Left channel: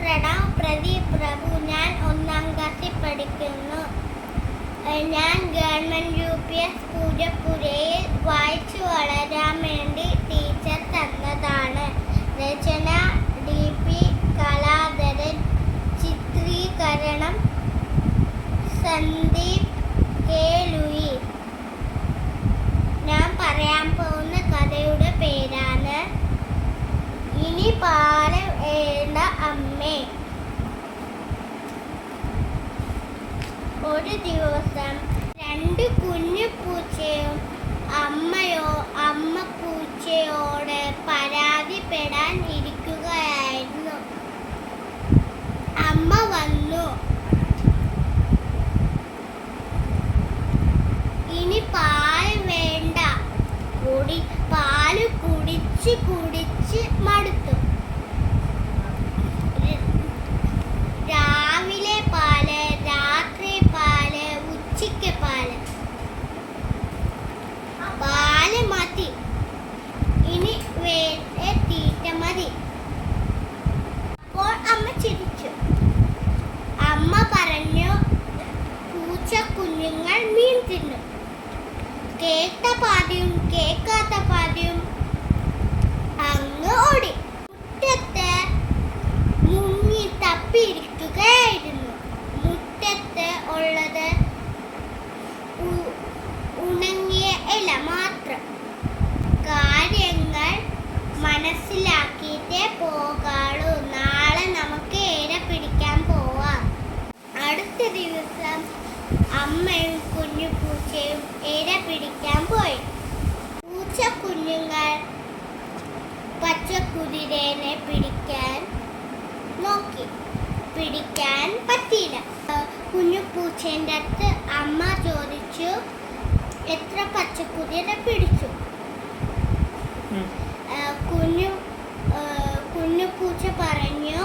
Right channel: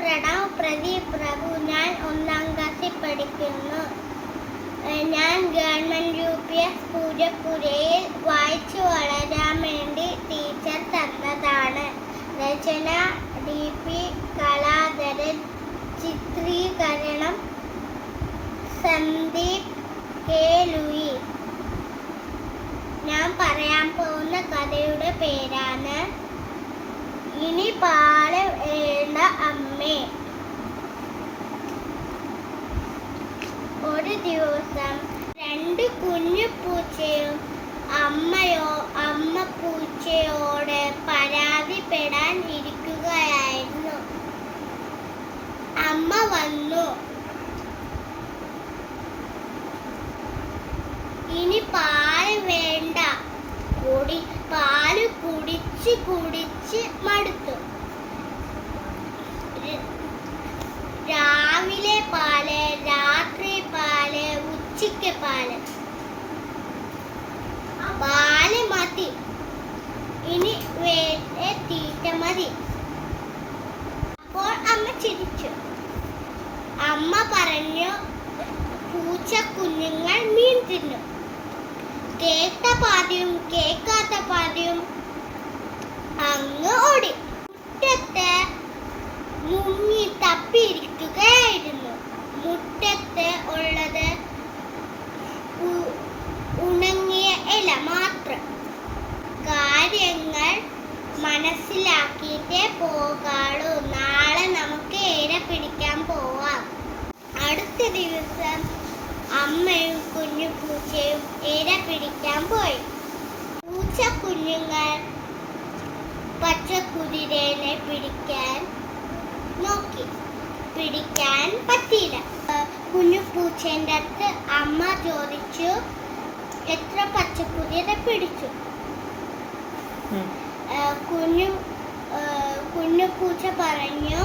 പ്രണവ് പ്രദീപ് പ്രഭു. ഞാൻ 1ാം ക്ലാസ്സിൽ പഠിക്കുന്നു. ഞാൻ ഗവൺമെൻറ് UPS പൂജപ്പുരയിൽ വായിച്ചു വളരാൻ വേണ്ടി ടീച്ചർ തന്നതാണ്. രചന DP കലാധരൻ. ചിത്രീകരണം സന്ദീപ് K. ലൂയിസ്. ഞാൻ പറയാൻ പോകുന്ന കഥയുടെ പേരാണ് ഇനി പാലം വേണ്ട അമ്മേ. ഒരു ദിവസം 2 കുഞ്ഞു പൂച്ചയും അമ്മ പൂച്ചയോട് പരാതിപ്പെടാൻ ഇരിക്കുകയായിരുന്നു. അമ്മ വന്നു. ഇനി പാൽ വേണ്ട. പാല് കുടിച്ച് മടുത്തു. രാവിലെ പാല്, രാത്രി പാല്, ഉച്ചയ്ക്ക് പാല് മതി. ഇനി വേറെ തീറ്റ മതി. അപ്പോൾ അമ്മ ചിരിച്ചു. അമ്മ പറഞ്ഞു, പൂച്ച കുഞ്ഞുങ്ങൾ മീൻ തിന്നും. കേട്ട പാതിയും കേൾക്കാത്ത പാതിയും അങ്ങ് ഓടി. മുറ്റത്ത് മുങ്ങി തപ്പിയിരിക്കുകയായിരുന്നു. മുറ്റത്ത് ഉള്ളത് ഉണങ്ങിയ ഇല മാത്രം. കാര്യങ്ങൾ മനസ്സിലാക്കിയിട്ടേ പോകാളൂ. നാളെ നമുക്ക് ഇര പിടിക്കാൻ പോവാം. അടുത്ത ദിവസം അമ്മയും കുഞ്ഞു പൂച്ചയും ഇര പിടിക്കാൻ പോയി. പൂച്ച കുഞ്ഞുങ്ങൾ പച്ചക്കുതിരനെ പിടിക്കാൻ നോക്കി. പിടിക്കാൻ പറ്റിയില്ല. കുഞ്ഞു പൂച്ചേൻ്റെ അടുത്ത് അമ്മ ചോദിച്ചു, എത്ര പച്ചക്കുതിര പിടിച്ചു? കുഞ്ഞു പൂച്ച പറഞ്ഞു,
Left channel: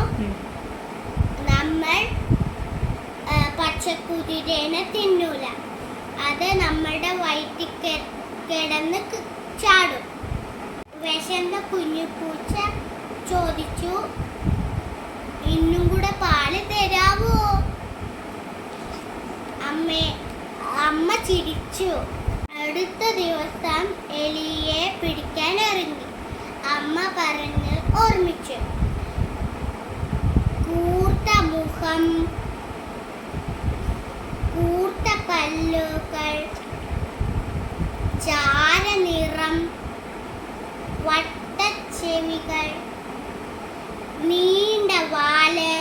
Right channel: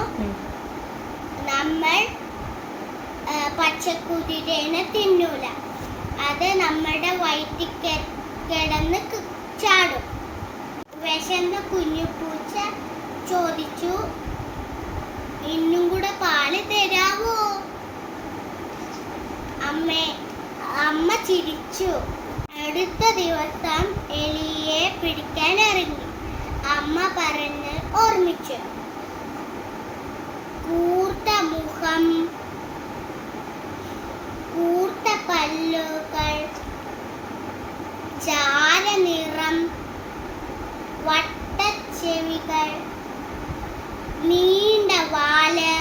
നമ്മൾ പച്ചക്കുതിരനെ തിന്നൂല. അത് നമ്മുടെ വയറ്റിൽ കിടന്ന് ചാടും. വിശന്ന കുഞ്ഞു പൂച്ച ചോദിച്ചു, ഇന്നും കൂടെ പാല് തരാവോ? അമ്മ ചിരിച്ചു. അടുത്ത ദിവസം എലിയെ പിടിക്കാൻ ഇറങ്ങി. അമ്മ പറഞ്ഞ് ഓർമ്മിച്ചു. കൂർത്ത മുഖം, കൂർത്ത പല്ലുകൾ, ചാരനിറം, വട്ടച്ചെവികൾ, നീണ്ട വാല്.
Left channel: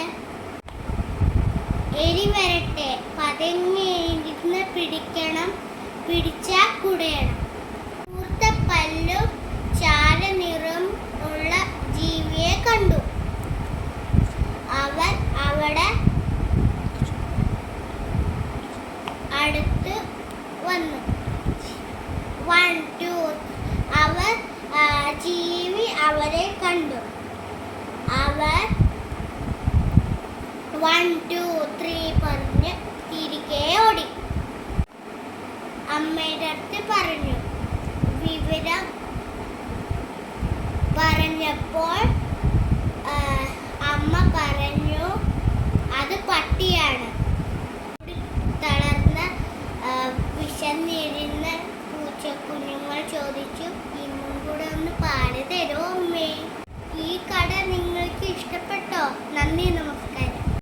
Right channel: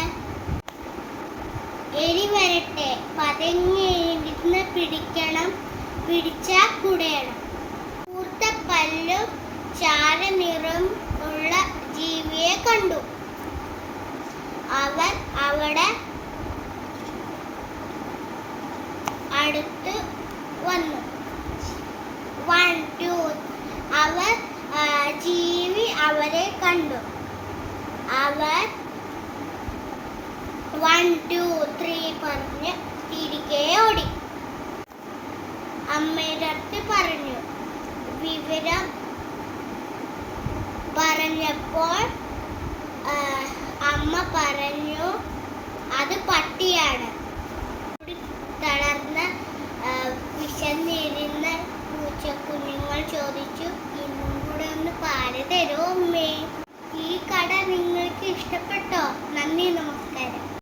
എലി വരട്ടെ, പതുങ്ങിയിരുന്ന് പിടിച്ചാൽ കുടയണം. കൂർത്ത പല്ലും ചാരനിറം ഉള്ള ജീവിയെ കണ്ടു. അവൻ അവിടെ അടുത്ത് വന്നു. 1 2 ജീവി അവരെ കണ്ടു. അവർ 1 2 3 പറഞ്ഞ് തിരികെ ഓടി. അമ്മയുടെ അടുത്ത് പറഞ്ഞു. വിവരം പറഞ്ഞപ്പോൾ അമ്മ പറഞ്ഞു, അത് പട്ടിയാണ്. തളർന്ന വിശന്നിരുന്ന പൂച്ചക്കുഞ്ഞുങ്ങൾ ചോദിച്ചു, ഇന്നും കൂടെ ഒന്ന് പാല് തരുമോ അമ്മേ? ഈ കഥ നിങ്ങൾക്ക് ഇഷ്ടപ്പെട്ടോ?